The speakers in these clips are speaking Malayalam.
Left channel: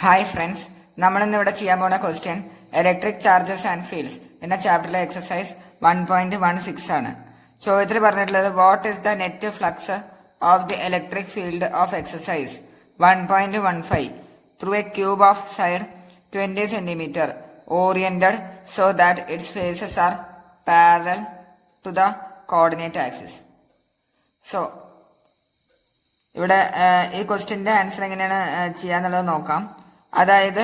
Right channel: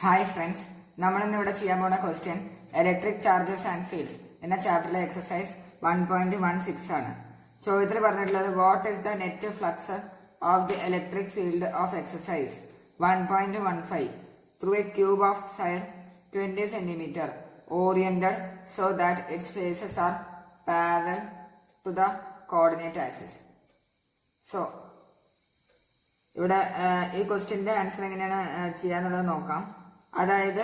ഹായ് ഫ്രണ്ട്സ്, നമ്മളിന്ന് ഇവിടെ ചെയ്യാൻ പോകുന്ന question electric charges and fields എന്ന ചാപ്റ്ററിലെ എക്സസൈസ് 1.16 ആണ്. ചോദ്യത്തിൽ പറഞ്ഞിട്ടുള്ളത് what is the net flux of the electric field of exercise 1.15 through a cube of side 20 cm oriented so that its faces are parallel to the coordinate axis. So ഇവിടെ ഈ ക്വസ്റ്റ്യന്റെ ആൻസർ എങ്ങനെയാണ് ചെയ്യാന്നുള്ളത് നോക്കാം. അതായത്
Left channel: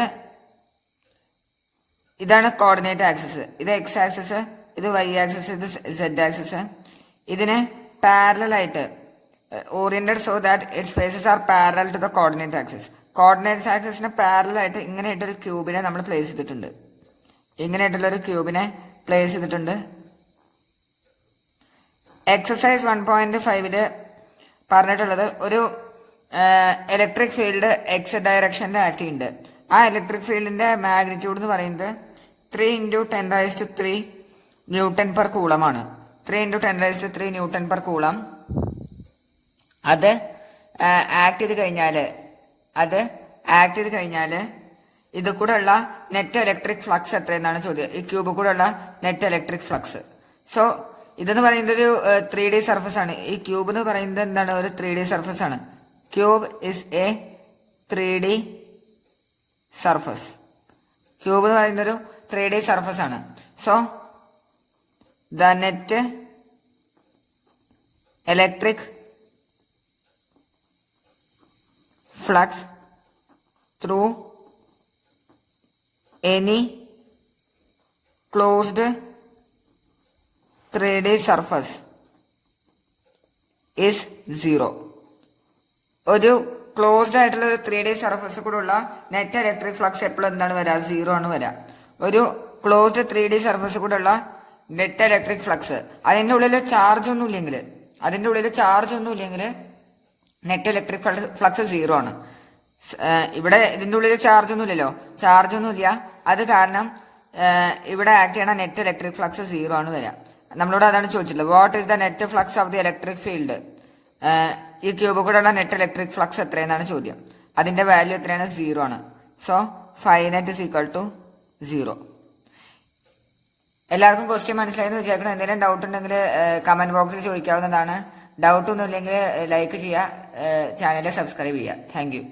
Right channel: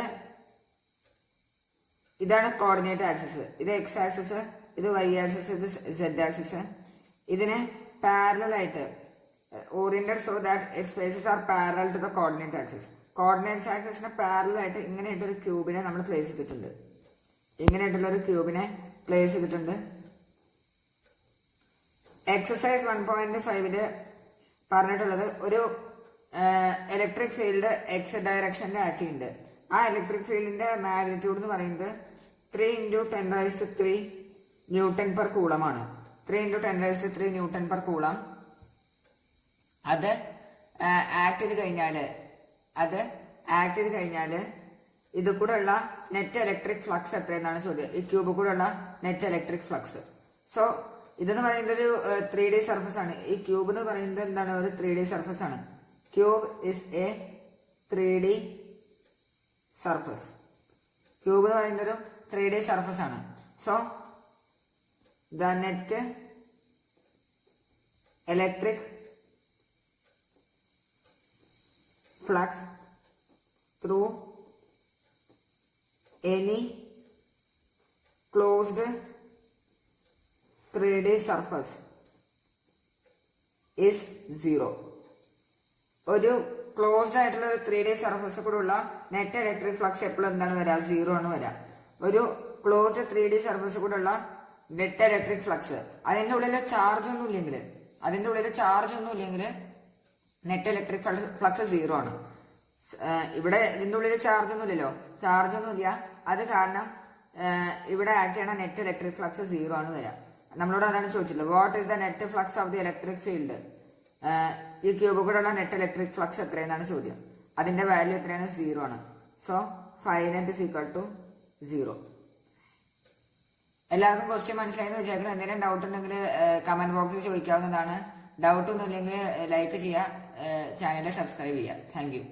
ഇതാണ് കോർഡിനേറ്റ് ആക്സിസ്, ഇത് എക്സ് ആക്സിസ്, ഇത് വൈ ആക്സിസ്, ഇത് സെഡ് ആക്സിസ്. ഇതിന് പാരലൽ ആയിട്ട് oriented so that its faces are parallel to the coordinate axis. Coordinate ആക്സിസിന് പാരലൽ ആയിട്ട് ഇങ്ങനെയായിട്ടൊരു ക്യൂബിനെ നമ്മൾ പ്ലേസ് ചെയ്തിട്ടുണ്ട്. ഇങ്ങനെയായിട്ടുള്ളൊരു ക്യൂബിനെ പ്ലേസ് ചെയ്തിട്ടുണ്ട്. എക്സസൈസ് 1.5 പറഞ്ഞിട്ടുള്ളത് ഒരു ഇലക്ട്രിക് ഫീൽഡ് എക്സ് ഡയറക്ഷനിൽ ആക്ട് ചെയ്യുന്നുണ്ട്. ആ ഇലക്ട്രിക് ഫീൽഡിന്റെ മാഗ്നിറ്റ്യൂഡ് എന്ന് പറയുന്നത് 3 × 10⁻³ ന്യൂട്ടൺ പെർ കൂളമാണ്. 3 × 10⁻³ ന്യൂട്ടൺ പെർ കൂളം. അത് ആക്ട് ചെയ്ത് കഴിഞ്ഞാല് ഇത് കൂടെ ഉള്ള നെറ്റ് ഇലക്ട്രിക് ഫ്ലക്സ് എത്രയെന്നാണ് ചോദ്യം. ഈ ക്യൂബ് കൂടെ ഉള്ള നെറ്റ് ഇലക്ട്രിക് ഫ്ലക്സ്. സോ ഇതെന്ന് പറയുന്നത് ഒരു 3D സർഫസ് ആണ്. ഈ ക്യൂബ് എന്ന് പറയുന്നത് എന്താണ്? ഒരു 3D സർഫസ് ആണ്. Cube is A 3D surface. Cube എന്ന് പറയുന്നത് ഒരു 3D സർഫസ് ആണ്. So the net electric flux through any closed 3D surface is 0. ഒരു ക്ലോസ്ഡ് ആയിട്ടുള്ള ഒരു 3D സർഫസ് കൂടെ ഉള്ള നെറ്റ് ഇലക്ട്രിക് ഫ്ലക്സ് എപ്പോഴും എന്താണ് വരാ? 0 ആണ് വരാ. ഒരു ക്ലോസ്ഡ് 3D സർഫസ് കൂടെ ഉള്ള നെറ്റ് ഇലക്ട്രിക് ഫ്ലക്സ് അതിന്റെ ഉള്ളിൽ ചാർജ് ഒന്നും ഇല്ലെങ്കിൽ നെറ്റ് ഇലക്ട്രിക് ഫ്ലക്സ് 0 ആണ്. ഇവിടെ ഇതിന്റെ ഉള്ളിൽ ചാർജ് ഒന്നും ഇല്ല. അത് കാരണം ഇവിടെ ആക്ട് ചെയ്യണ നെറ്റ് ഇലക്ട്രിക് ഫ്ലക്സ് 0 ആണ് വരാം. നമ്മളോട് അതാണ് ചോദിച്ചിട്ടുള്ളത്. What is the net flux of the electric field? ഈ ക്യൂബ് കൂടെ ഉള്ള നെറ്റ് ഇലക്ട്രിക് ഫ്ലക്സ് എത്രയെന്നാണ് ചോദ്യം. അതിന്റെ വാല്യൂ എത്രയാണ്? 0 ആണ്. So five net is equal to 0. എല്ലാവർക്കും ക്വസ്റ്റ്യൻ മനസ്സിലായെന്ന് വിചാരിക്കണം. എന്തെങ്കിലും ഡൗട്ട് ഉണ്ടെങ്കിൽ കമന്റ് ബോക്സിൽ ചോദിക്കാവുന്നതാണ്. ഡൗട്ട് ഒന്നും ഇല്ലെങ്കിൽ ലൈക്ക് ചെയ്യുക, ചാനൽ സബ്സ്ക്രൈബ് ചെയ്യുക. Thank you.